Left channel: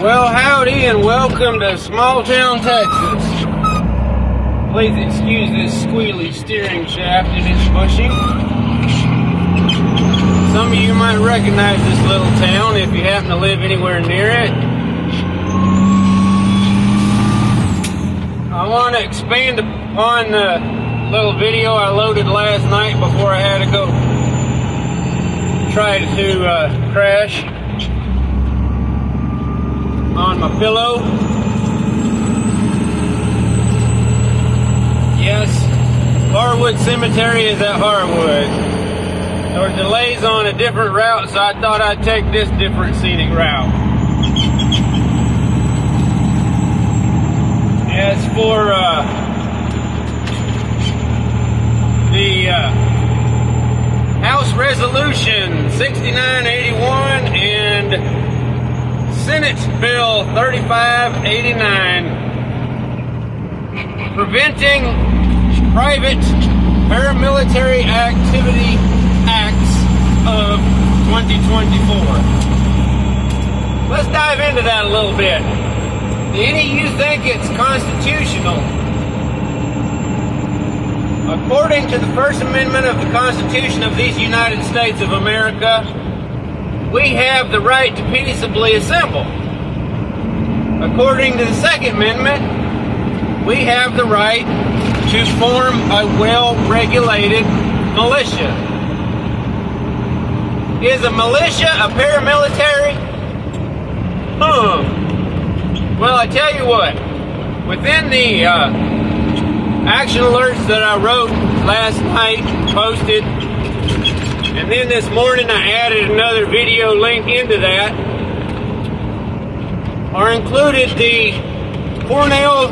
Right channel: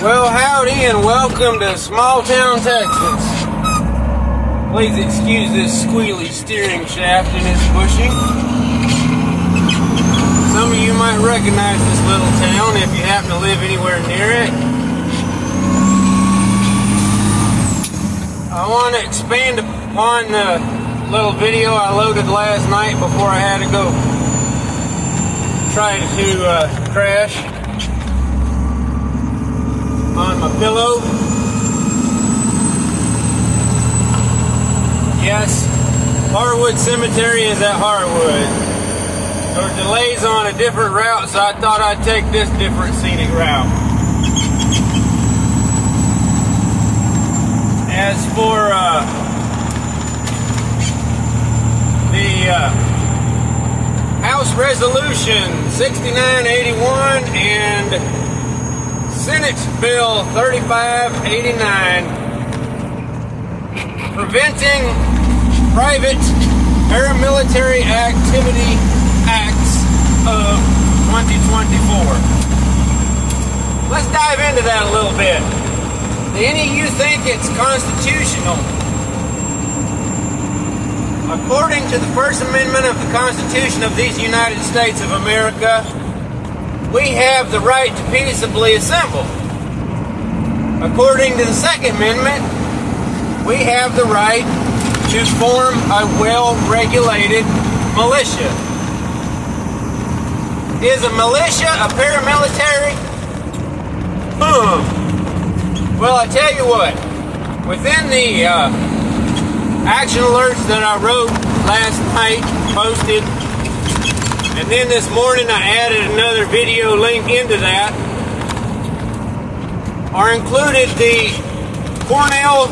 Well, howdy and welcome to small town Texas. Please excuse this squealy steering shaft and its bushing. Some of you might recognize this little town if you happen to live anywhere near it. I want to expand upon the little video I loaded last night before I had to go try to crash on my pillow. Yes, Harwood Cemetery is at Harwood. There were delays on a different route, so I thought I'd take this different scenic route. As for the House Resolution 6981 and Senate Bill 3589, preventing private paramilitary activity acts of 2024. Let's dive into that a little bit. Do any of you think it's constitutional? According to the First Amendment of the Constitution of these United States of America, we have the right to peaceably assemble. According to the Second Amendment, we have the right to form a well-regulated militia. Is a militia a paramilitary? Well, I tell you what, within the action alerts that I wrote last night, posted, and then this morning I added another video link into that, are included the Cornell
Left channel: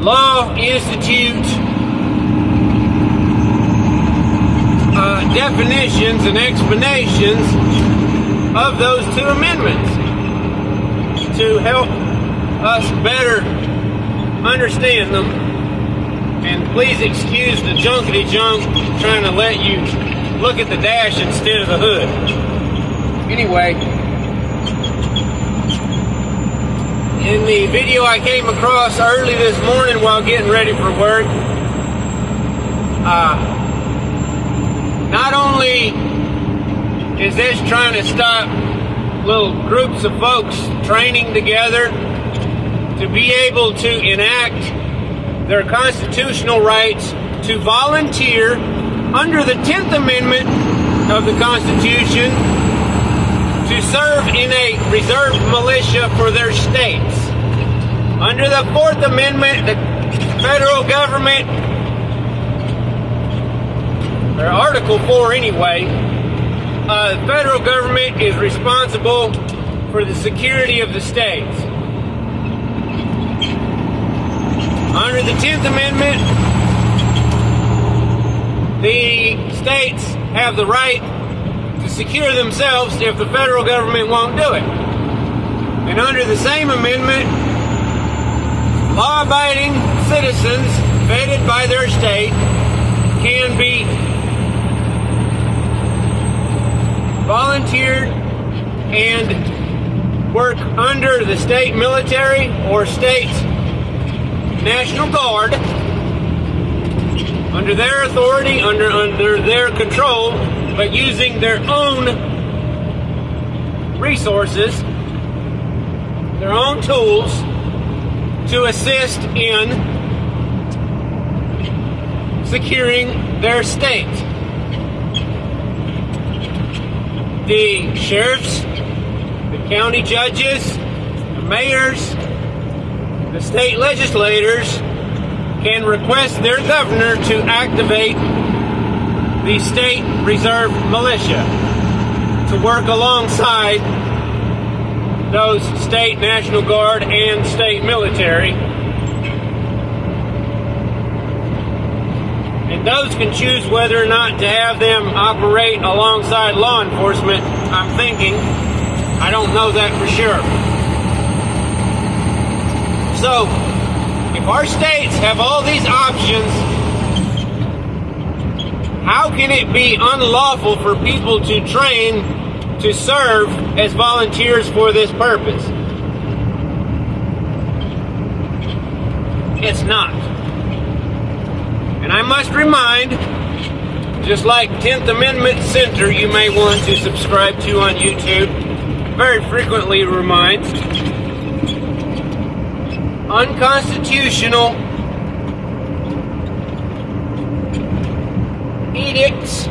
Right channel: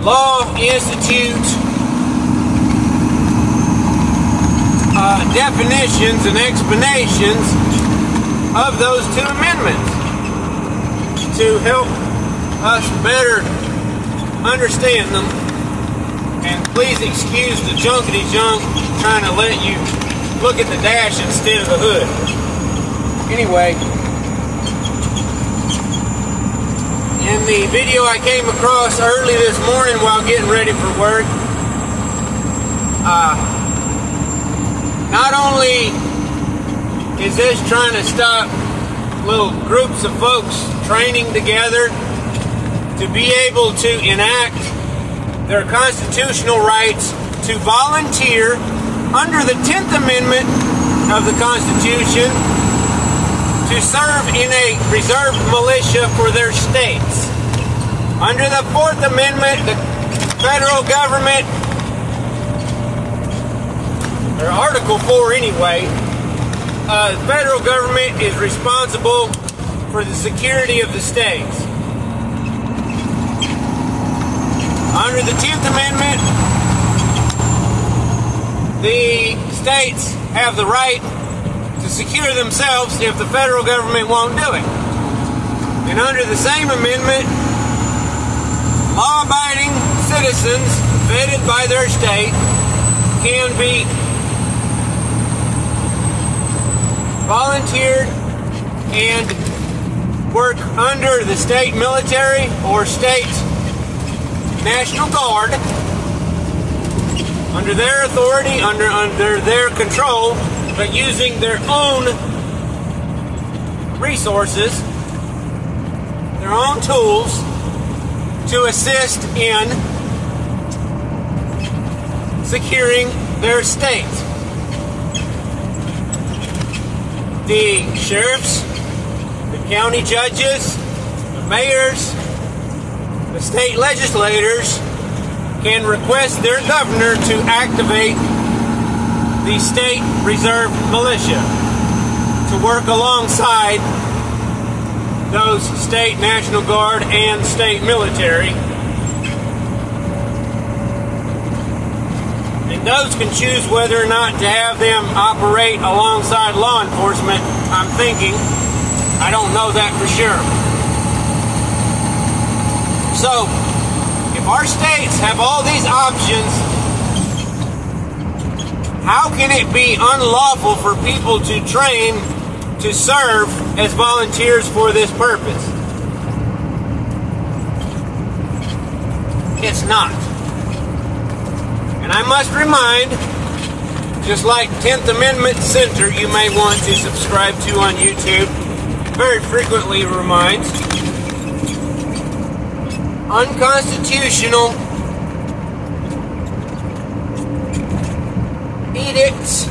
Law Institute definitions and explanations of those two amendments to help us better understand them. And please excuse the junkety junk trying to let you look at the dash instead of the hood. Anyway, in the video I came across early this morning while getting ready for work, not only is this trying to stop little groups of folks training together to be able to enact their constitutional rights to volunteer under the 10th Amendment of the Constitution to serve in a reserve militia for their states. Under the 4th Amendment, the federal government, or Article 4 anyway, the federal government is responsible for the security of the states. Under the 10th Amendment, the states have the right to secure themselves if the federal government won't do it. And under the same amendment, law-abiding citizens vetted by their state can be volunteered and work under the state military or state National Guard, under their authority, under their control, but using their own resources, their own tools to assist in securing their state. The sheriffs, the county judges, the mayors, the state legislators can request their governor to activate the state reserve militia to work alongside those state National Guard and state military. And those can choose whether or not to have them operate alongside law enforcement, I'm thinking. I don't know that for sure. So, if our states have all these options, how can it be unlawful for people to train to serve as volunteers for this purpose. It's not. And I must remind, just like 10th Amendment Center you may want to subscribe to on YouTube, very frequently reminds, unconstitutional edicts,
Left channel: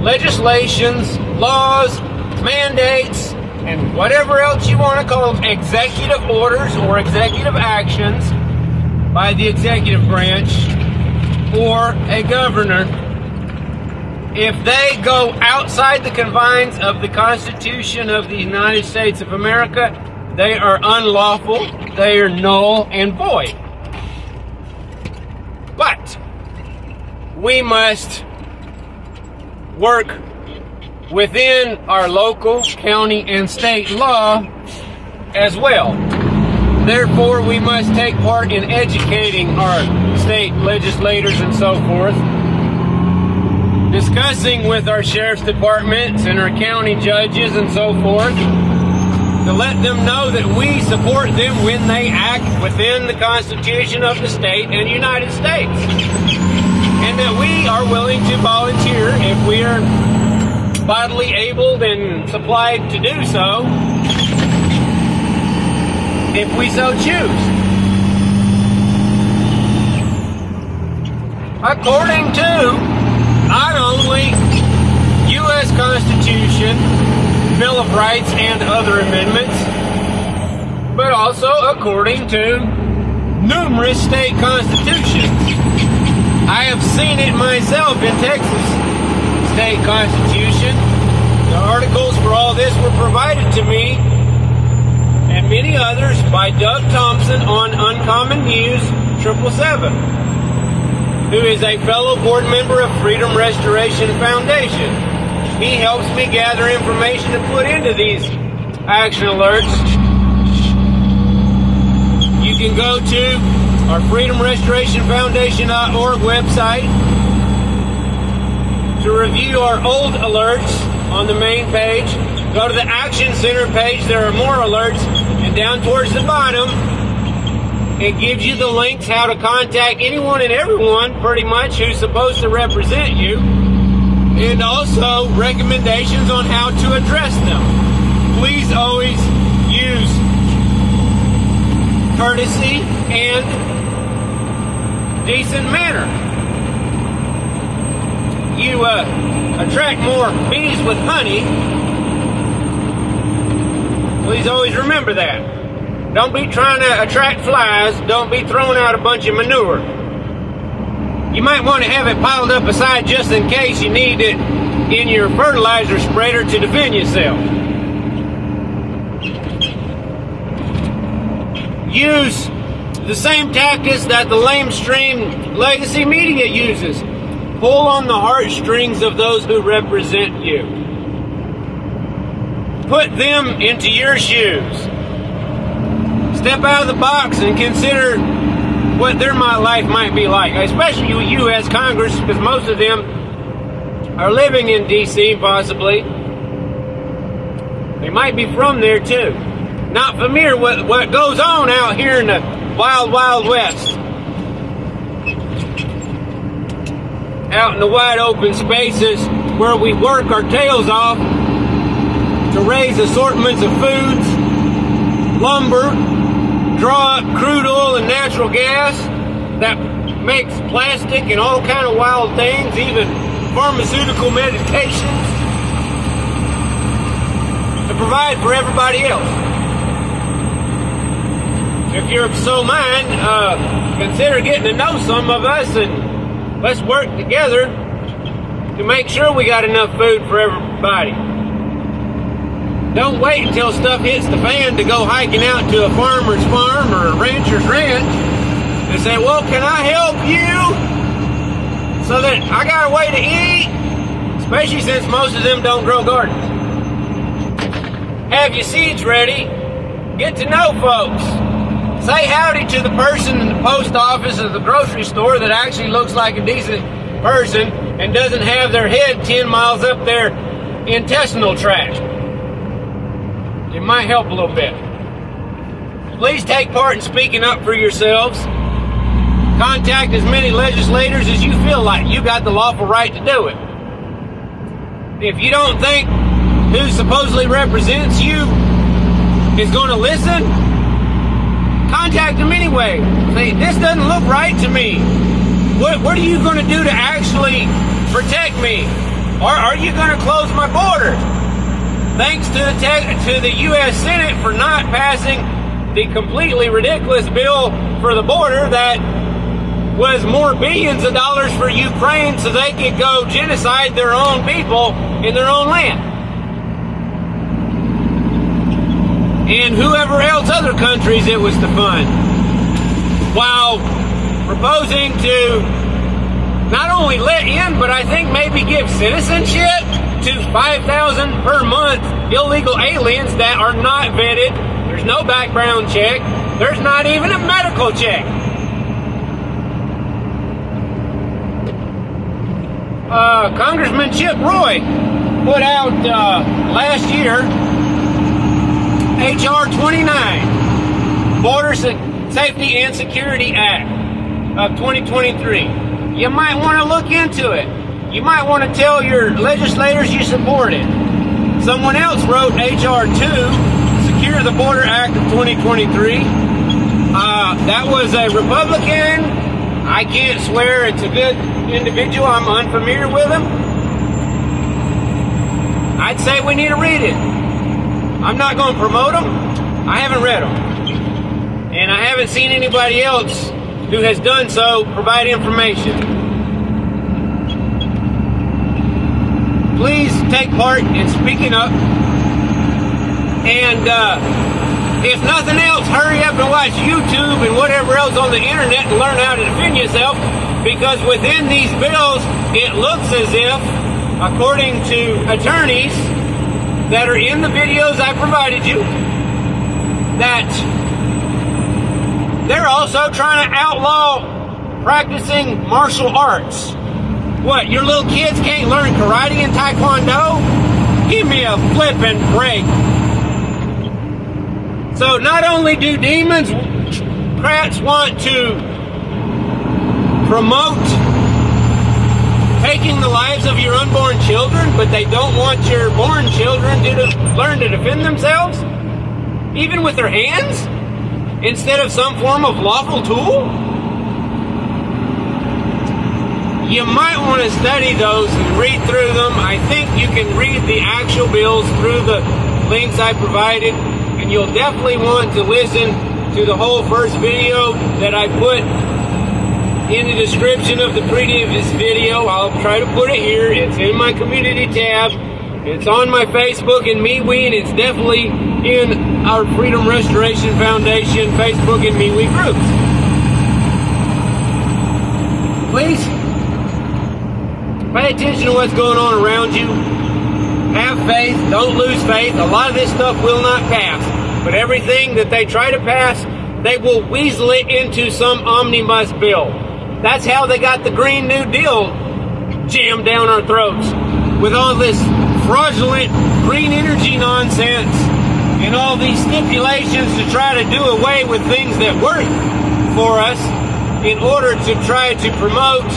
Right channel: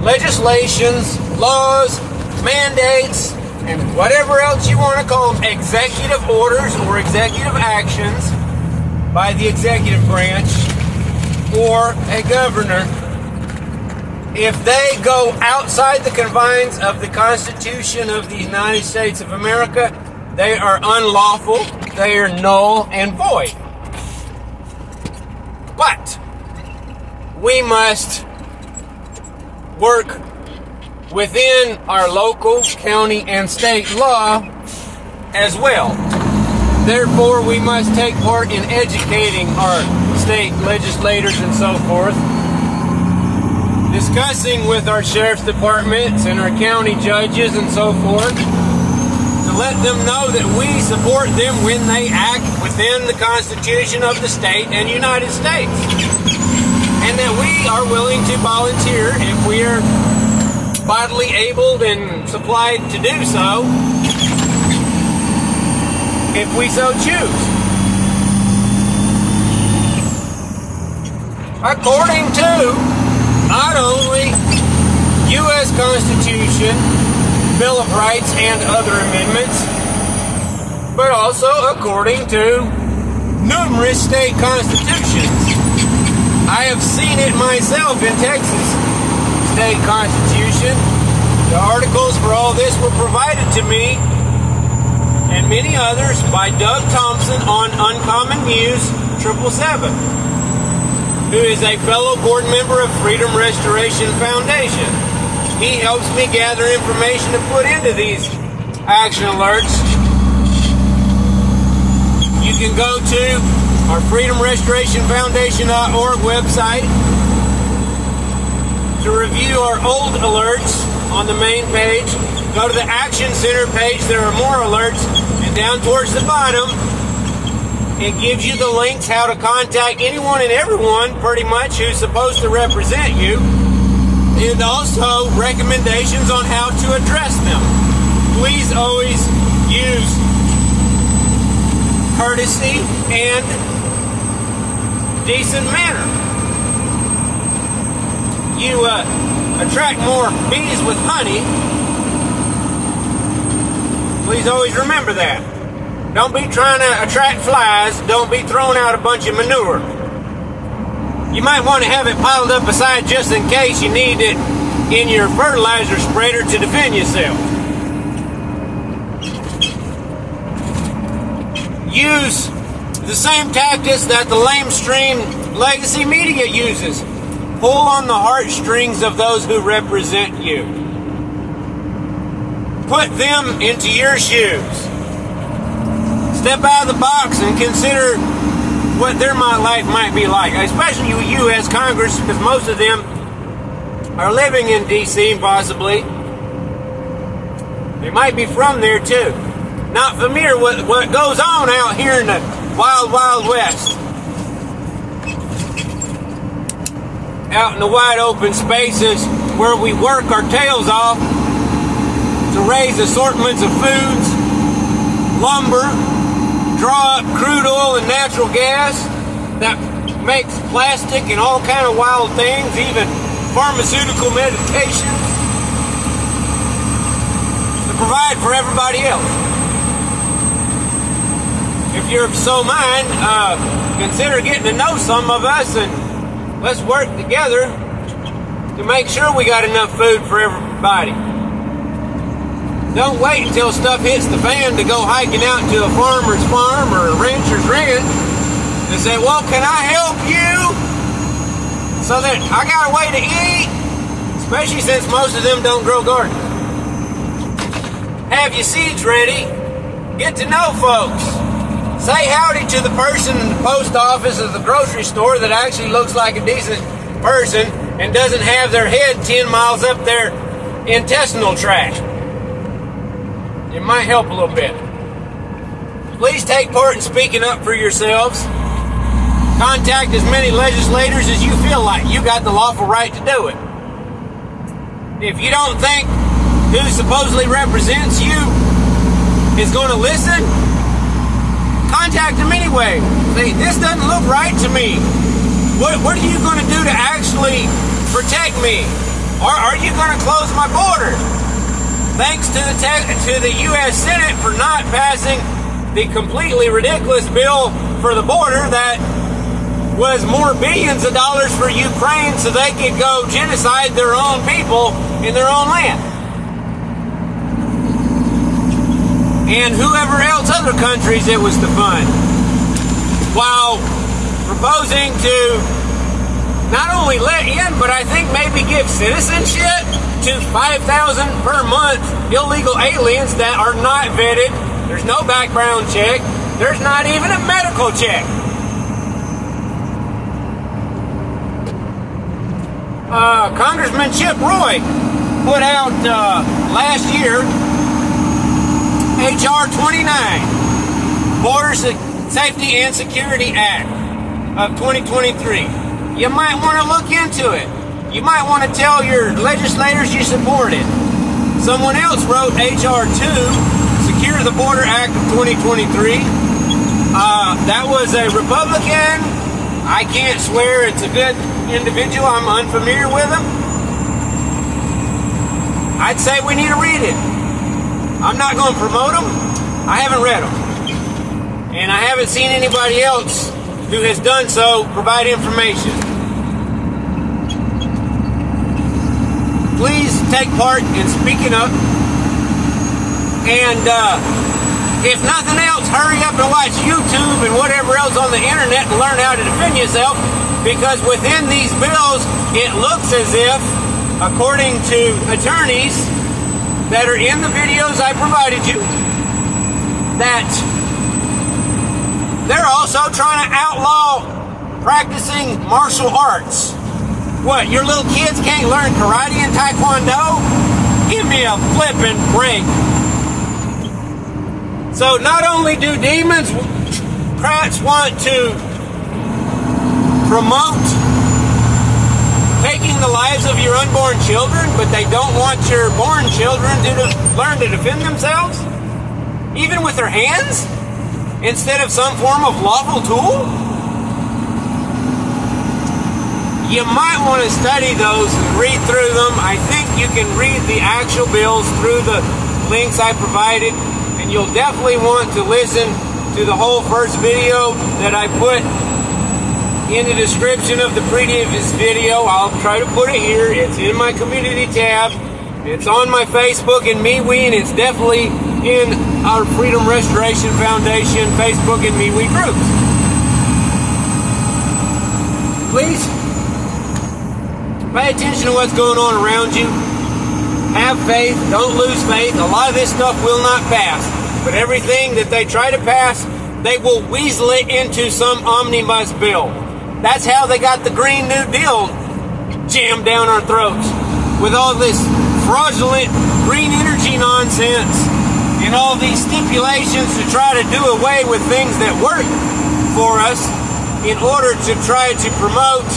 legislations, laws, mandates, and whatever else you want to call them, executive orders or executive actions by the executive branch or a governor, if they go outside the confines of the Constitution of the United States of America, they are unlawful, they are null and void. But we must work within our local, county, and state law as well. Therefore, we must take part in educating our state legislators and so forth, discussing with our sheriff's departments and our county judges and so forth, to let them know that we support them when they act within the Constitution of the state and United States, and that we are willing to volunteer if we are bodily able and supplied to do so, if we so choose. According to not only U.S. Constitution, Bill of Rights, and other amendments, but also according to numerous state constitutions. I have seen it myself in Texas state constitution. The articles for all this were provided to me and many others by Doug Thompson on Uncommon News 777, who is a fellow board member of Freedom Restoration Foundation. He helps me gather information to put into these action alerts. You can go to our freedomrestorationfoundation.org website to review our old alerts on the main page. Go to the Action Center page. There are more alerts. And down towards the bottom, it gives you the links how to contact anyone and everyone, pretty much, who's supposed to represent you. And also recommendations on how to address them. Please always use courtesy and decent manner. You attract more bees with honey. Please always remember that. Don't be trying to attract flies. Don't be throwing out a bunch of manure. You might want to have it piled up aside just in case you need it in your fertilizer spreader to defend yourself. Use the same tactics that the lamestream legacy media uses. Pull on the heartstrings of those who represent you. Put them into your shoes. Step out of the box and consider what their life might be like, especially you as Congress, because most of them are living in D.C. possibly. They might be from there too. Not familiar with what goes on out here in the wild, wild west. Out in the wide open spaces where we work our tails off to raise assortments of foods, lumber, draw up crude oil and natural gas that makes plastic and all kind of wild things, even pharmaceutical medications, to provide for everybody else. If you're so mind, consider getting to know some of us, and let's work together to make sure we got enough food for everybody. Don't wait until stuff hits the fan to go hiking out to a farmer's farm or a rancher's ranch and say, well, can I help you? So that I got a way to eat, especially since most of them don't grow gardens. Have your seeds ready. Get to know folks. Say howdy to the person in the post office or the grocery store that actually looks like a decent person and doesn't have their head 10 miles up their intestinal tract. It might help a little bit. Please take part in speaking up for yourselves. Contact as many legislators as you feel like. You got the lawful right to do it. If you don't think who supposedly represents you is going to listen, contact them anyway. Say, this doesn't look right to me. What are you going to do to actually protect me? Or are you going to close my border? Thanks to the U.S. Senate for not passing the completely ridiculous bill for the border that was more billions of dollars for Ukraine so they could go genocide their own people in their own land. And whoever else, other countries it was to fund. While proposing to not only let in, but I think maybe give citizenship to 5,000 per month illegal aliens that are not vetted. There's no background check. There's not even a medical check. Congressman Chip Roy put out last year H.R. 29, Border Safety and Security Act of 2023. You might want to look into it. You might want to tell your legislators you support it. Someone else wrote H.R. 2, Secure the Border Act of 2023. That was a Republican. I can't swear it's a good individual. I'm unfamiliar with him. I'd say we need to read it. I'm not going to promote them. I haven't read them. And I haven't seen anybody else who has done so provide information. Please take part in speaking up. And if nothing else, hurry up and watch YouTube and whatever else on the internet and learn how to defend yourself. Because within these bills, it looks as if, according to attorneys that are in the videos I provided you, that they're also trying to outlaw practicing martial arts. What, your little kids can't learn karate and taekwondo? Give me a flippin' break. So not only do demons, prats want to promote taking the lives of your unborn children, but they don't want your born children to learn to defend themselves, even with their hands, instead of some form of lawful tool. You might want to study those, read through them. I think you can read the actual bills through the links I provided. And you'll definitely want to listen to the whole first video that I put in the description of the previous video. I'll try to put it here. It's in my community tab. It's on my Facebook and MeWe, and it's definitely in our Freedom Restoration Foundation Facebook and MeWe groups. Please pay attention to what's going on around you. Have faith. Don't lose faith. A lot of this stuff will not pass. But everything that they try to pass, they will weasel it into some omnibus bill. That's how they got the Green New Deal jammed down our throats. With all this fraudulent green energy nonsense and all these stipulations to try to do away with things that work for us in order to try to promote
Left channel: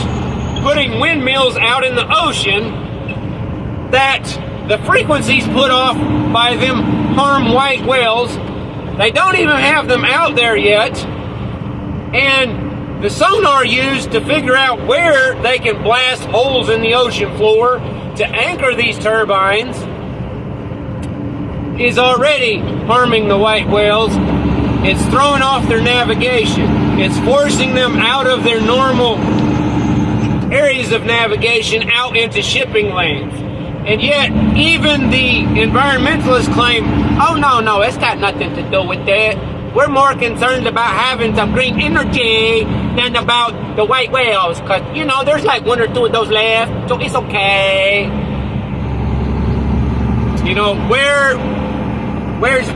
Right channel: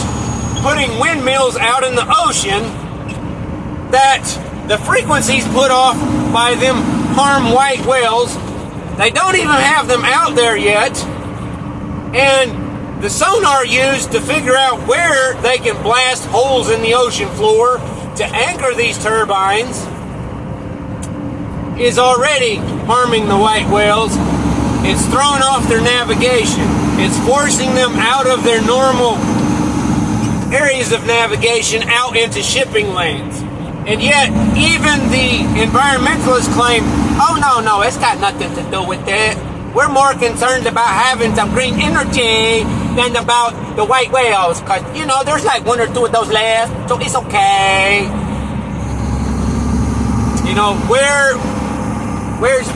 putting windmills out in the ocean that the frequencies put off by them harm white whales. They don't even have them out there yet. And the sonar used to figure out where they can blast holes in the ocean floor to anchor these turbines is already harming the white whales. It's throwing off their navigation. It's forcing them out of their normal areas of navigation out into shipping lanes. And yet, even the environmentalists claim, oh, no, it's got nothing to do with that. We're more concerned about having some green energy than about the white whales. Because, you know, there's like one or two of those left, so it's okay. You know, where's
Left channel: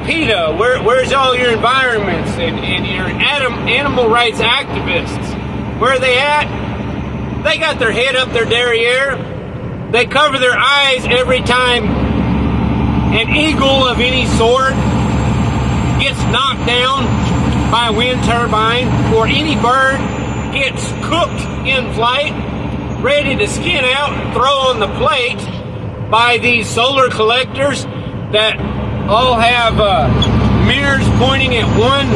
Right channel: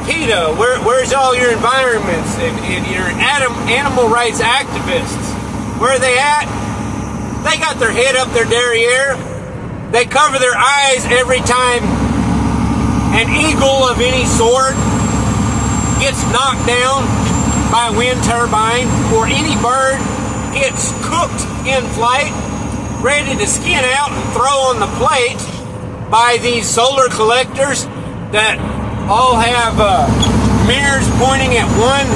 PETA? Where's all your environments and your animal rights activists? Where are they at? They got their head up their derriere. They cover their eyes every time an eagle of any sort gets knocked down by a wind turbine, or any bird gets cooked in flight, ready to skin out and throw on the plate by these solar collectors that all have mirrors pointing at one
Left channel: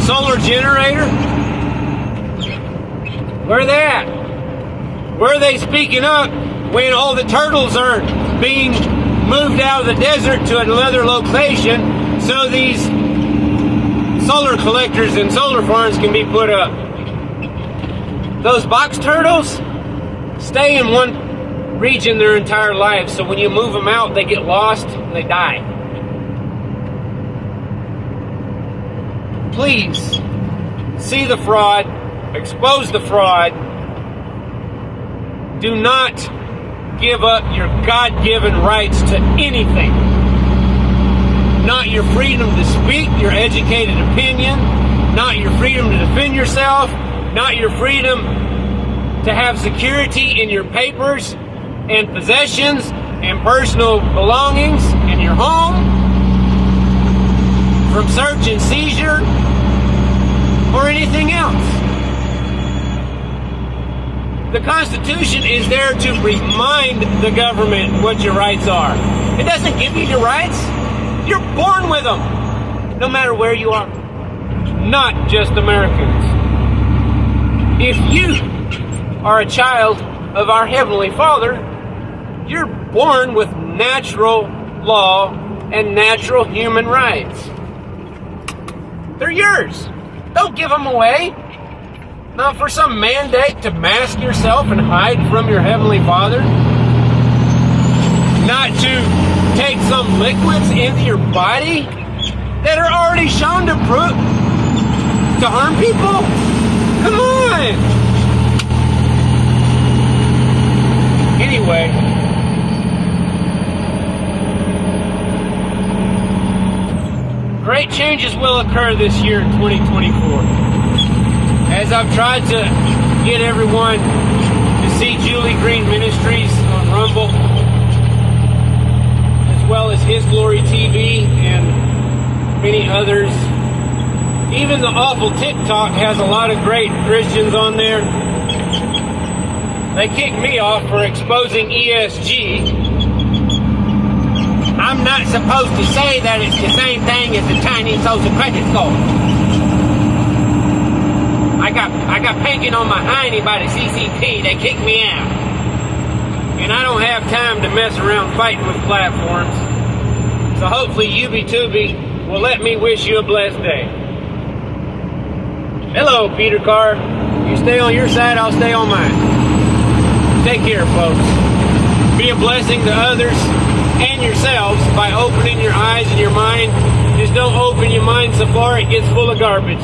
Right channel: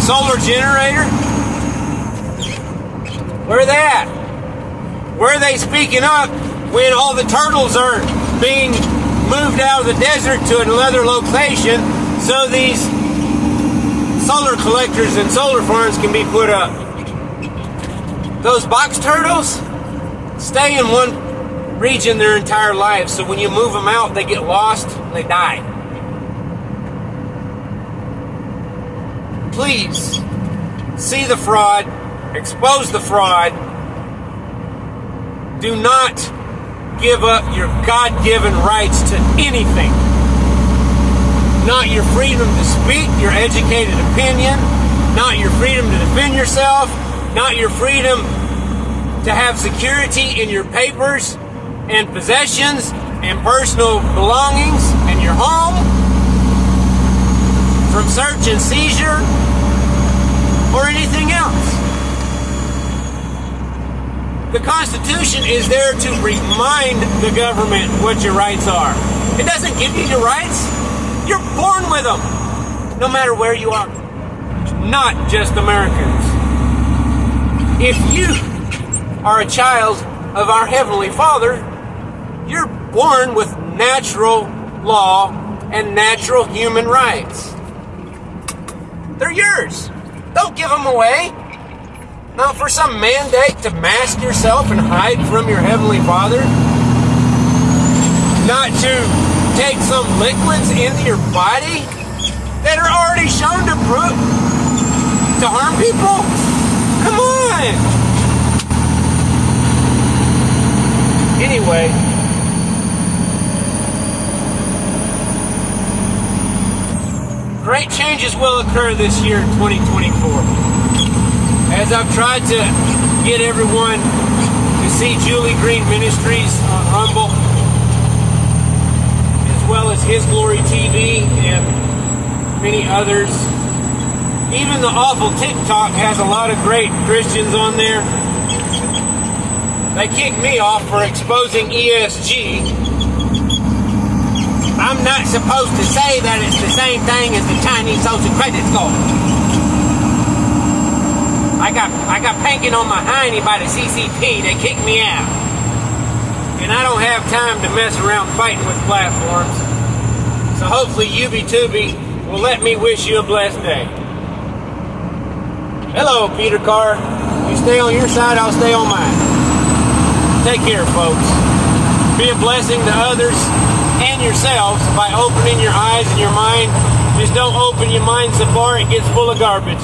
solar generator? Where are they at? Where are they speaking up when all the turtles are being moved out of the desert to another location so these solar collectors and solar farms can be put up? Those box turtles stay in one region their entire life, so when you move them out, they get lost and they die. Please see the fraud, expose the fraud. Do not give up your God-given rights to anything. Not your freedom to speak your educated opinion, not your freedom to defend yourself, not your freedom to have security in your papers and possessions and personal belongings and your home from search and seizure or anything else. The Constitution is there to remind the government what your rights are. It doesn't give you your rights. You're born with them, no matter where you are. Not just Americans. If you are a child of our Heavenly Father, you're born with natural law and natural human rights. They're yours. Don't give them away. Not for some mandate to mask yourself and hide from your Heavenly Father. Not to take some liquids into your body that are already shown to harm people. Come on. Anyway, great changes will occur this year in 2024. As I've tried to get everyone to see Julie Green Ministries on Rumble, as well as His Glory TV and many others. Even the awful TikTok has a lot of great Christians on there. They kicked me off for exposing ESG. I'm not supposed to say that it's the same thing as the Chinese social credit score. I got panking on my hiney by the CCP. They kicked me out. And I don't have time to mess around fighting with platforms. So hopefully UBTubi will let me wish you a blessed day. Hello, Peter Carr. You stay on your side, I'll stay on mine. Take care, folks. Be a blessing to others and yourselves by opening your eyes and your mind. Just don't open your mind so far it gets full of garbage.